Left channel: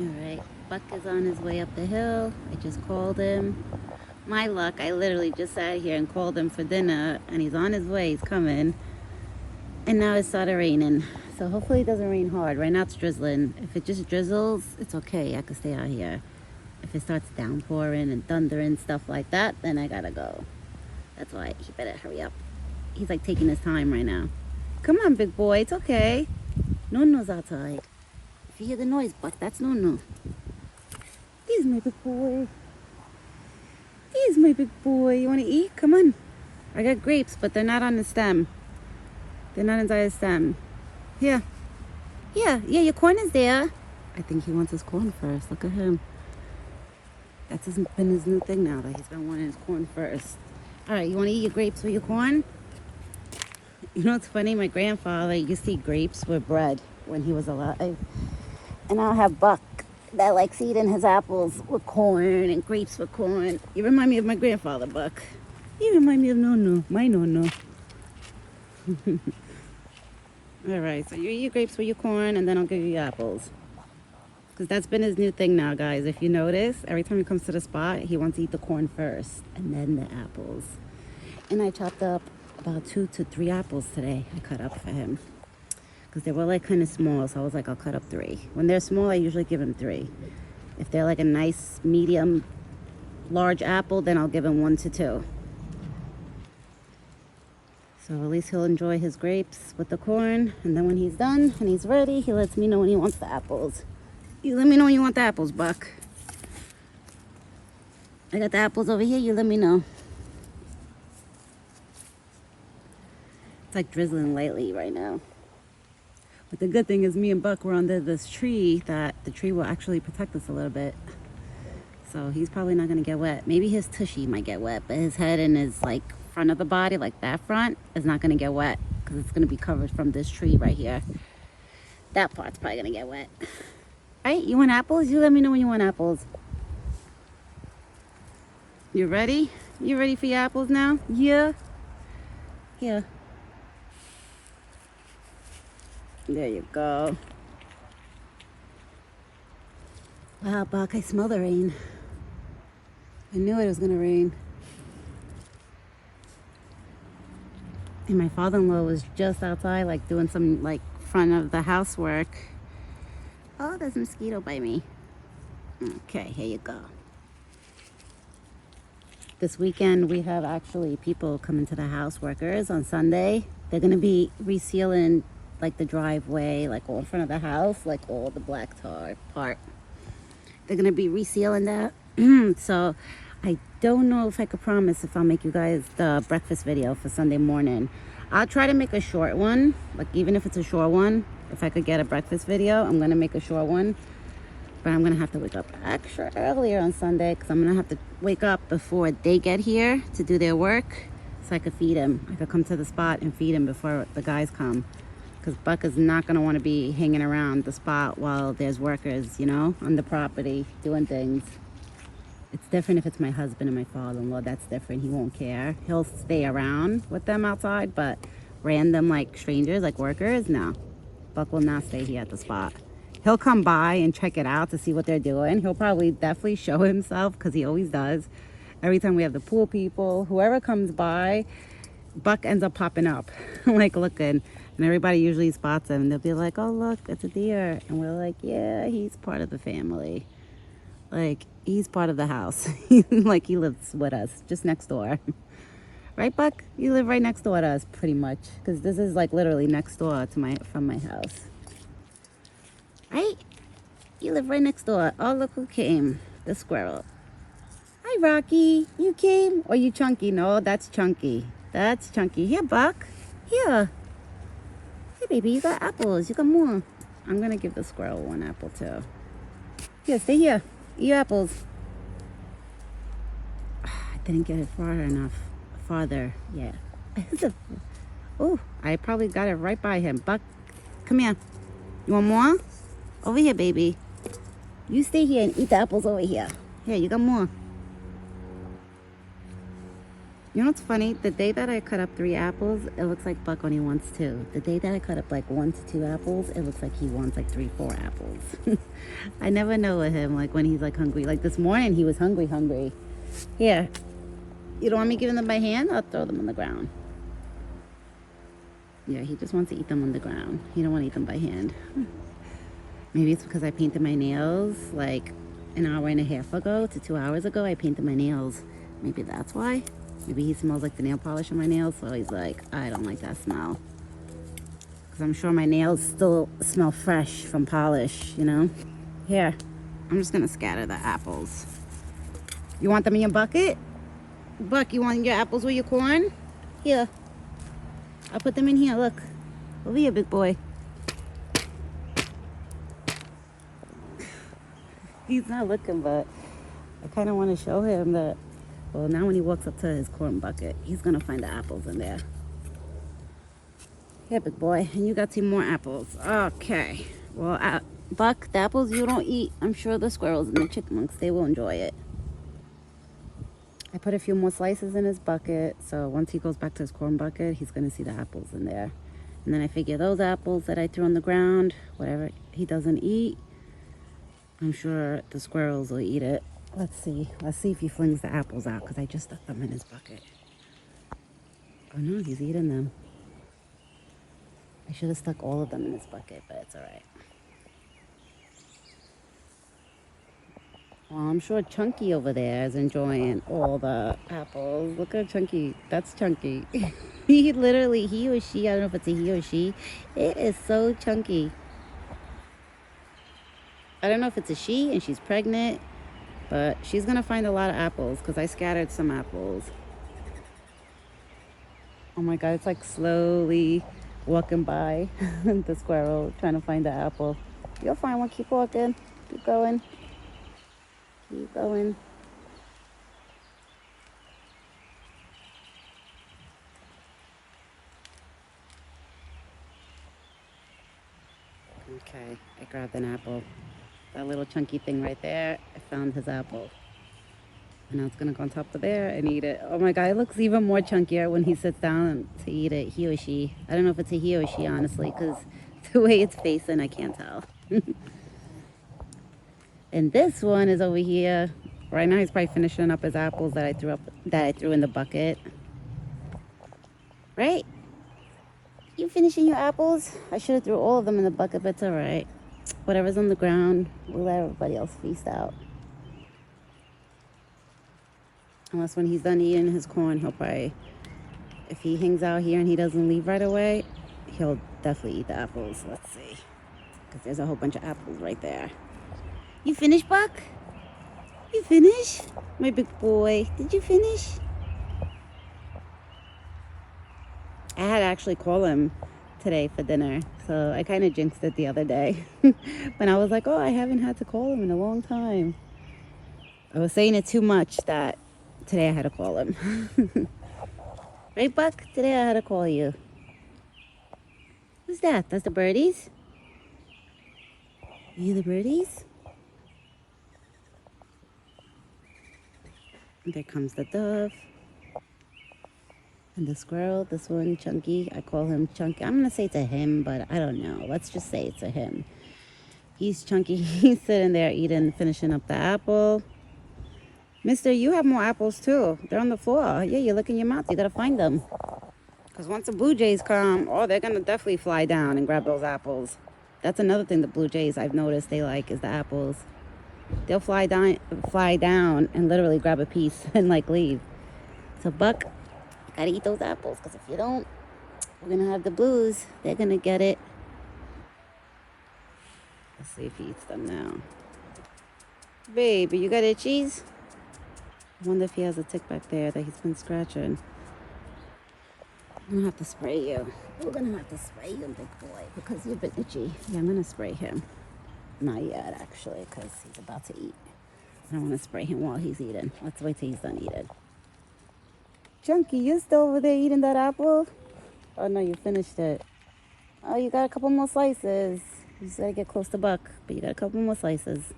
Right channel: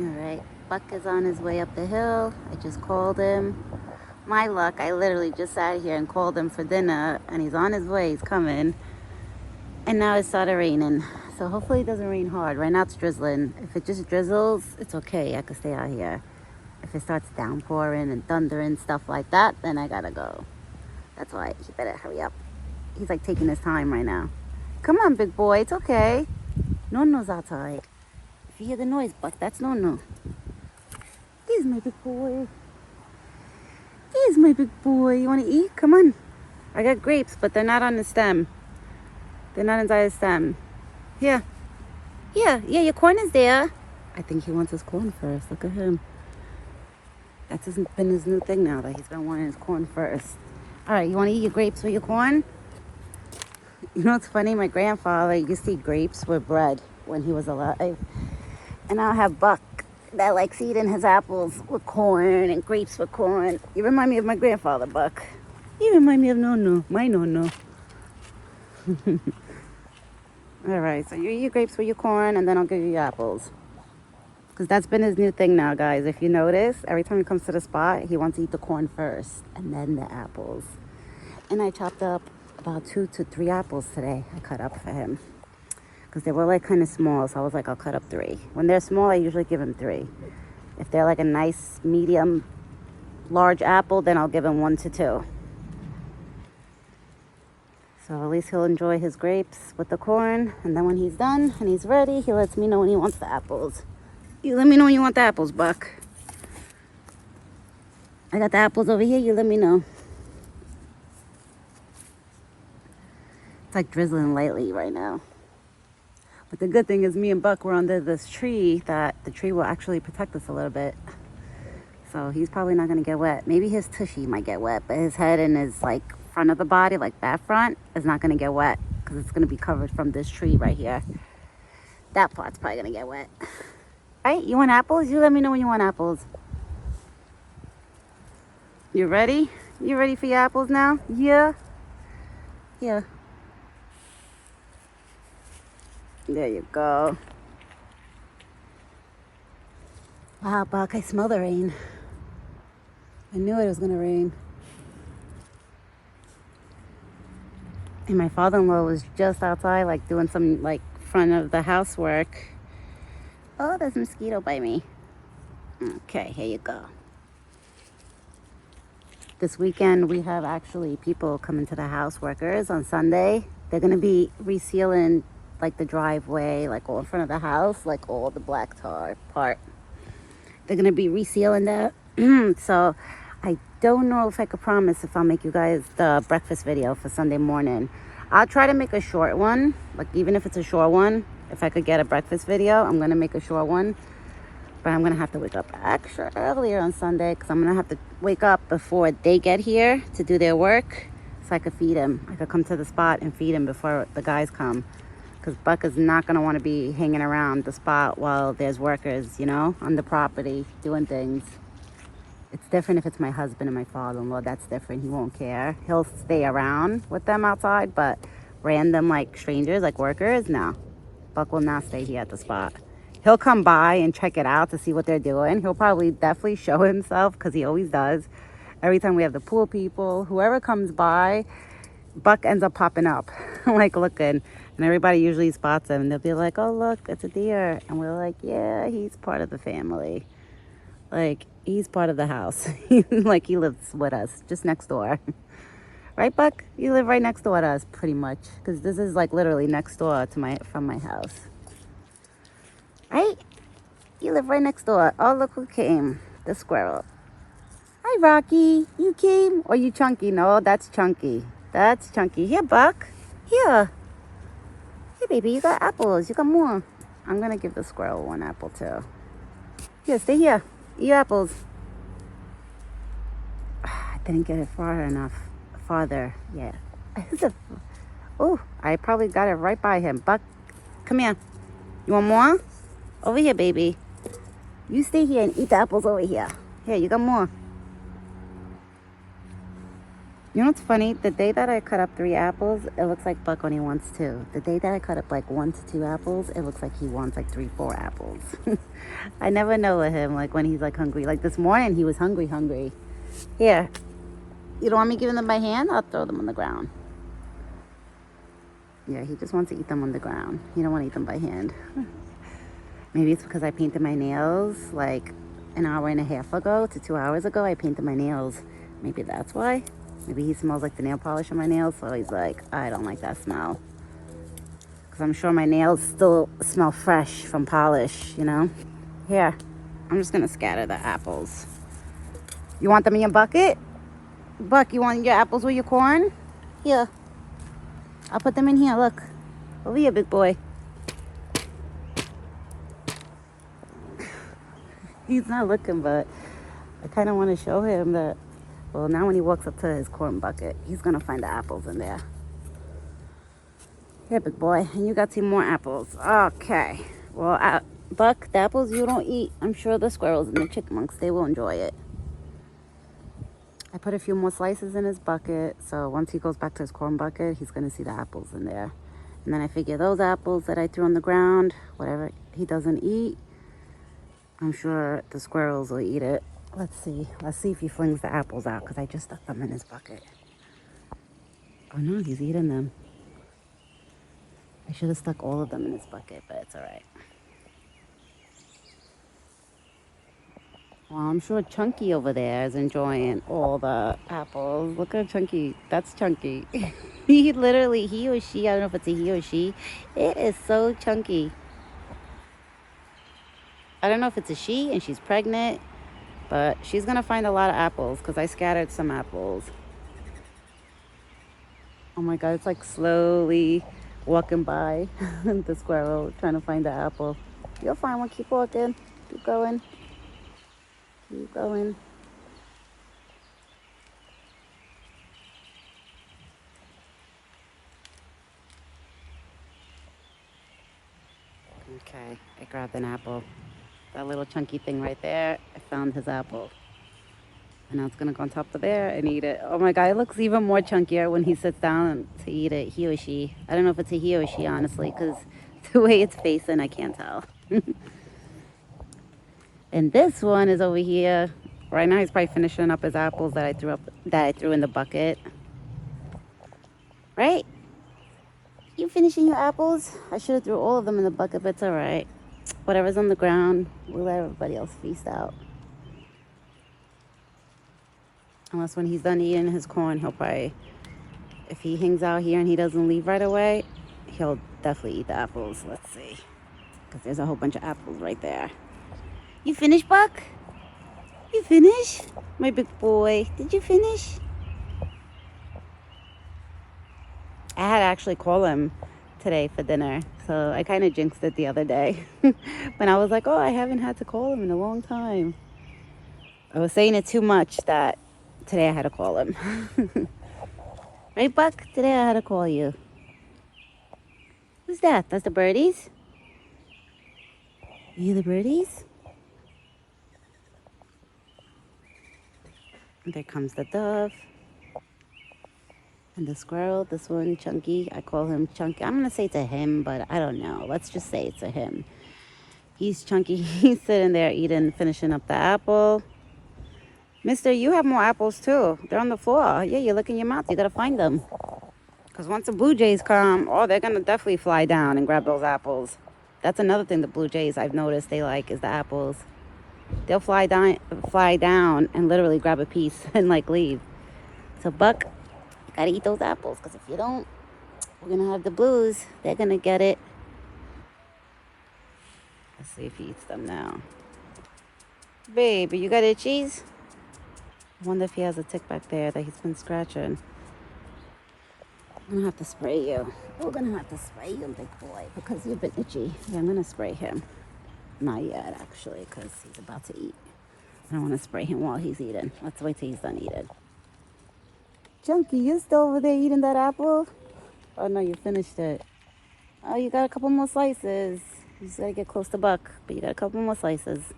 Alright, Buck is on his way up the hill. I just called him. My luck, I literally just sat here and called him for dinner, and he's on his way, he's coming. And now it started raining. So hopefully it doesn't rain hard. Right now it's drizzling. If it just drizzles, it's okay. I can stay out here. If it starts downpouring and thundering, stuff like that, then I gotta go. That's why he better hurry up. He's like taking his time right now. Come on, big boy, it's okay. Nono's outside. If you hear the noise, Buck, that's Nono. There's my big boy. There's my big boy. You wanna eat? Come on. I got grapes, but they're not on the stem. They're not inside the stem. Here. Here. Yeah, your corn is there. I think he wants his corn first. Look at him. That's been his new thing now, that he's been wanting his corn first. All right, you want to eat your grapes with your corn? You know what's funny? My grandfather used to eat grapes with bread when he was alive. And I'll have Buck that likes eating his apples with corn and grapes with corn. You remind me of my grandfather, Buck. You remind me of Nono, my Nono. All right, so you eat your grapes with your corn, and then I'll give you your apples. Because that's been his new thing now, guys. If you notice, every time he comes to the spot, he wants to eat the corn first, and then the apples. And I chopped up about 2 to 3 apples today. I cut up for him. Because they were like kind of small, so I was like, I'll cut up 3. When they're small, I usually give him 3. If they're like a nice, medium, large apple, then I'll give him 1 to 2. So at least he'll enjoy his grapes with the corn. And then when he's done and he's ready, he lets me know when he wants the apples. You let me know when you want the apples, Buck. I got the apples over here. You let me know. It's like drizzling lightly right now. But the good thing is me and Buck were under this tree that the tree will actually protect us a little bit. So he's probably not going to get wet. Maybe his tushy might get wet, but his head and his like front of the body, like that front, is not going to get wet because it's going to be covered from this tree right here. That part's probably going to get wet. All right, you want apples? You let me know when you want apples. You ready? You ready for your apples now? Yeah? Yeah. There you go. Wow, Buck, I smell the rain. I knew it was gonna rain. And my father-in-law was just outside, like doing some like front of the house work. Oh, there's a mosquito by me. Okay, here you go. This weekend we have actually people coming to the house, workers on Sunday. They're gonna be resealing like the driveway, like all in front of the house, like all the black tar part. They're gonna be resealing that. So I don't know if I could promise if I'll make you guys the breakfast video for Sunday morning. I'll try to make a short one, like even if it's a short one. If I could get a breakfast video, I'm gonna make a short one. But I'm gonna have to wake up extra earlier on Sunday because I'm gonna have to wake up before they get here to do their work so I could feed him. I could come to the spot and feed him before the guys come. Because Buck is not gonna wanna be hanging around the spot while there's workers, you know, on the property doing things. It's different if it's my husband and my father-in-law. That's different. He won't care. He'll stay around with them outside, but random like strangers, like workers, no. Buck will not stay here at the spot. He'll come by and check it out to see what they're doing. He'll probably definitely show himself because he always does. Every time we have the pool people, whoever comes by, Buck ends up popping up, like looking. And everybody usually spots him. And they'll be like, oh, look, it's a deer. And we're like, yeah, he's part of the family. Like, he's part of the house. Like, he lives with us, just next door. Right, Buck? You live right next door to us, pretty much. Because this is, like, literally next door to from my house. Right? You live right next door. Oh, look who came. The squirrel. Hi, Rocky. You came? Or you Chunky? No, that's Chunky. That's Chunky. Here, Buck. Here. Hey, baby, you got apples. You got more. I'm going to give the squirrel 1 apple, too. Here, stay here. Eat your apples. I didn't get it far enough. Farther. Yeah. Oh, I probably got it right by him. Buck, come here. You want more? Over here, baby. You stay here and eat the apples over here. Here, you got more. You know what's funny? The day that I cut up 3 apples, it looks like Buck only wants 2. The day that I cut up like 1 to 2 apples, it looks like he wants like 3, 4 apples. I never know with him, like when he's like hungry. Like this morning, he was hungry. Here, you don't want me giving them by hand? I'll throw them on the ground. Yeah, he just wants to eat them on the ground. He don't want to eat them by hand. Maybe it's because I painted my nails like an hour and a half ago to 2 hours ago. I painted my nails. Maybe that's why. Maybe he smells like the nail polish on my nails, so he's like, I don't like that smell. Because I'm sure my nails still smell fresh from polish, you know? Here, I'm just going to scatter the apples. You want them in your bucket? Buck, you want your apples with your corn? Here. I'll put them in here, look. Over here, big boy. He's not looking, but I kind of want to show him that, well, now when he walks up to his corn bucket, he's going to find the apples in there. Here, big boy, and you got 2 more apples. Okay. Well, Buck, the apples you don't eat, I'm sure the squirrels and the chipmunks, they will enjoy it. I put a few more slices in his bucket, so once he goes back to his corn bucket, he's going to see the apples in there. And then I figure those apples that I threw on the ground, whatever he doesn't eat, I'm sure the squirrels will eat it. Let's see if he flings the apples out, because I just stuck them in his bucket. Oh no, he's eating them. I should have stuck all of them in his bucket, but it's all right. Well, I'm sure Chunky over there is enjoying all the apples. Look at Chunky. That's Chunky. He or she, I don't know if it's a he or she. It is so chunky. I don't know if it's a she and she's pregnant, but she's going to find a lot of apples because I scattered some apples. Oh my God, it's like slowly walking by the squirrel trying to find the apple. You'll find one. Keep walking. Keep going. Keep going. Okay, I grabbed an apple. That little chunky thing right there, I found his apple. And now it's gonna go on top of there and eat it. Oh my God, it looks even more chunkier when he sits down to eat it, he or she. I don't know if it's a he or she, honestly, because the way it's facing, I can't tell. And this one is over here. Right now he's probably finishing up his apples that I threw in the bucket. Right? You finishing your apples? I should have threw all of them in the bucket, but it's all right. Whatever's on the ground, we'll let everybody else feast out. Unless when he's done eating his corn, he'll probably, if he hangs out here and he doesn't leave right away, he'll definitely eat the apples. Let's see. Because there's a whole bunch of apples right there. You finished, Buck? You finished? My big boy. Did you finish? I had to actually call him today for dinner. So I kind of jinxed it the other day. When I was like, oh, I haven't had to call him in a long time. I was saying it too much that today I had to call him. Right, Buck? Today I had to call you. Who's that? That's the birdies? Are you the birdies? There comes the dove. And the squirrel, this one, Chunky. I call him Chunky. I'm going to say it's a him, but I don't know. Let's just say it's a him. He's Chunky. He's sitting there eating, finishing up the apple. Mister, you have more apples too. They're on the floor. Yeah, you look in your mouth. You got to find them. Because once the blue jays come, oh, they're going to definitely fly down and grab those apples. That's another thing the blue jays I've noticed they like is the apples. They'll fly down and literally grab a piece and like leave. So Buck, you gotta eat those apples, because if you don't, you're gonna have the blues. They're gonna get it. Let's see if he eats them now. Baby, you got itchies? I wonder if he has a tick back there that he's been scratching. I'm gonna have to spray you. We're gonna have to spray you, big boy, because you've been itchy. Yeah, I'm gonna spray him. Not yet, actually, because he's about to eat. I don't want to spray him while he's eating. Let's wait till he's done eating. Chunky, you still over there eating that apple? Oh, no, you finished it. Oh, you got a couple more slices. You just gotta get close to Buck, but you got a couple more slices.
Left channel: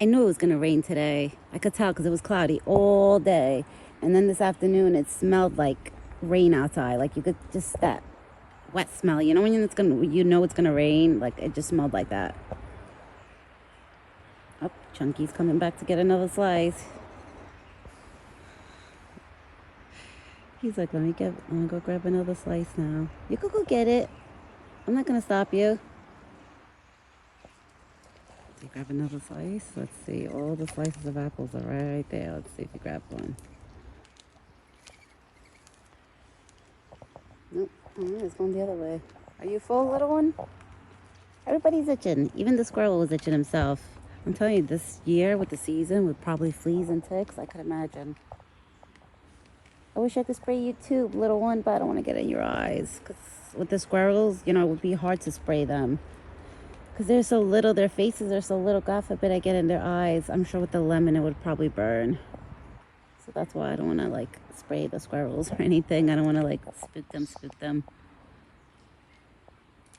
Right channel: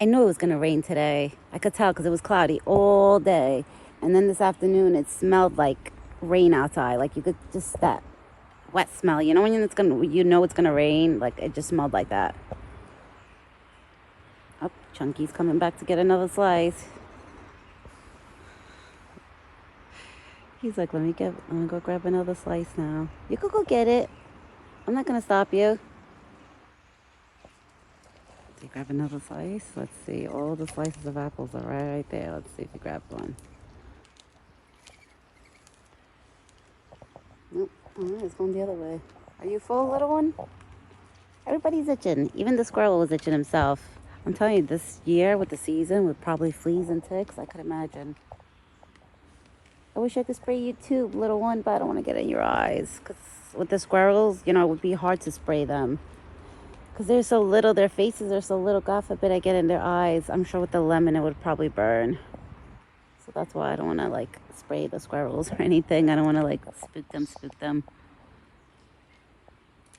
I knew it was going to rain today. I could tell because it was cloudy all day. And then this afternoon, it smelled like rain outside. Like you could just that wet smell. You know when you know it's gonna rain. Like it just smelled like that. Oh, Chunky's coming back to get another slice. He's like, let me go grab another slice now. You could go get it. I'm not gonna stop you. You grab another slice. Let's see. All the slices of apples are right there. Let's see if you grab one. It's going the other way. Are you full, little one? Everybody's itching. Even the squirrel was itching himself. I'm telling you, this year with the season, with probably fleas and ticks, I could imagine. I wish I could spray you too, little one, but I don't want to get in your eyes. Because with the squirrels, you know, it would be hard to spray them. Because they're so little, their faces are so little. God forbid I get in their eyes. I'm sure with the lemon, it would probably burn. So that's why I don't want to, like, spray the squirrels or anything. I don't want to, like, spook them.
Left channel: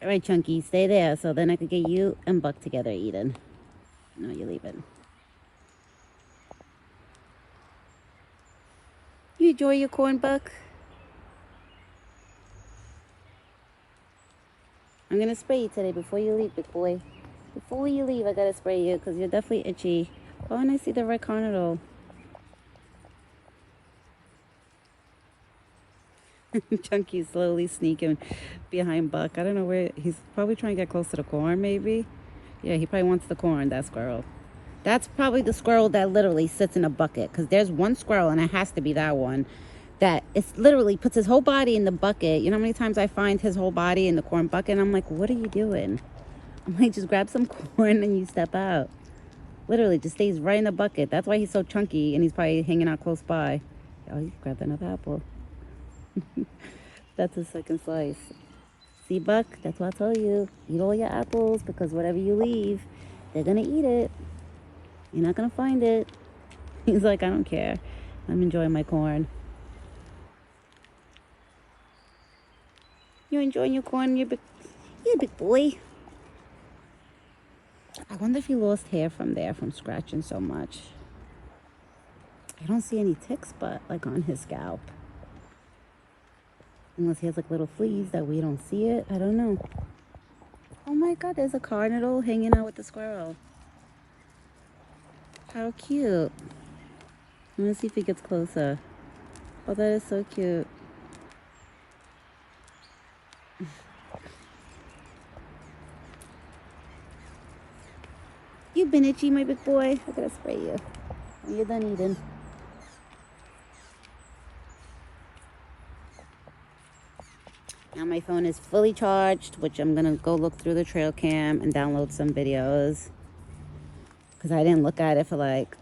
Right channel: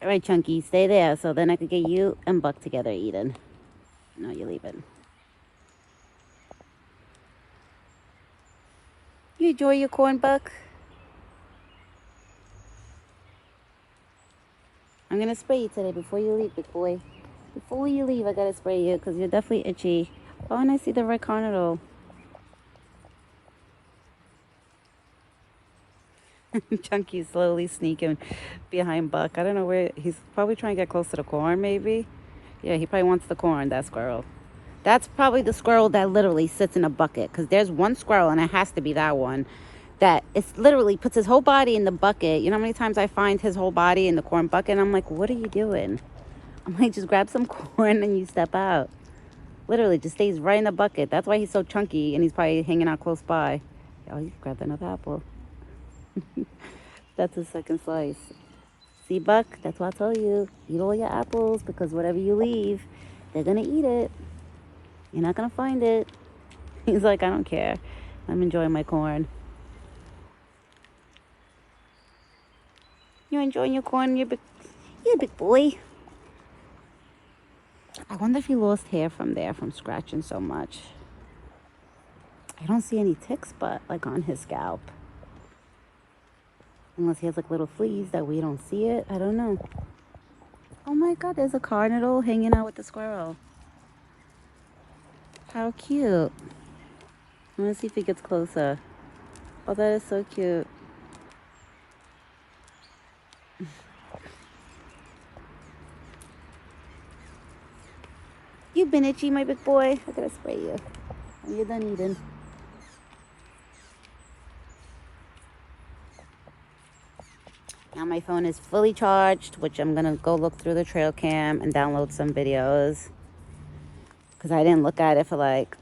All right, Chunky, stay there so then I could get you and Buck together eating. No, you're leaving. You enjoy your corn, Buck? I'm going to spray you today before you leave, big boy. Before you leave, I got to spray you because you're definitely itchy. Oh, and I see the red carnadole. Chunky's slowly sneaking behind Buck. I don't know where. He's probably trying to get close to the corn, maybe. Yeah, he probably wants the corn, that squirrel. That's probably the squirrel that literally sits in a bucket. Because there's one squirrel, and it has to be that one, that it's literally puts his whole body in the bucket. You know how many times I find his whole body in the corn bucket? And I'm like, what are you doing? I'm like, just grab some corn and you step out. Literally, just stays right in the bucket. That's why he's so chunky, and he's probably hanging out close by. Oh, you grabbed another apple. That's the second slice. See, Buck? That's what I told you. Eat all your apples because whatever you leave, they're going to eat it. You're not going to find it. He's like, I don't care. I'm enjoying my corn. You're enjoying your corn? You're a big boy. I wonder if he lost hair from there from scratching so much. I don't see any ticks, but like on his scalp. Unless he has like little fleas that we don't see it. I don't know. Oh my God, there's a carnadole hanging out with the squirrel. How cute. I want to see if he gets closer. Oh, that is so cute. You've been itchy, my big boy. I gotta spray you. You're done eating. Now my phone is fully charged, which I'm gonna go look through the trail cam and download some videos. Because I didn't look at it for like,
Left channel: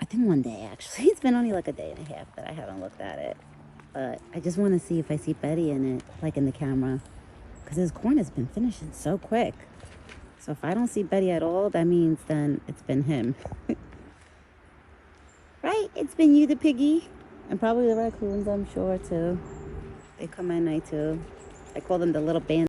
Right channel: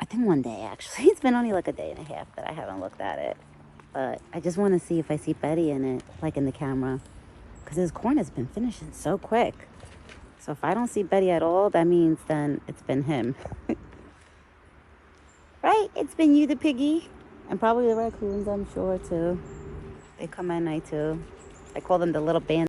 I think one day actually. It's been only like a day and a half that I haven't looked at it. But I just want to see if I see Betty in it, like in the camera. Because his corn has been finishing so quick. So if I don't see Betty at all, that means then it's been him. Right? It's been you, the piggy. And probably the raccoons, I'm sure, too. They come at night, too. I call them the little band.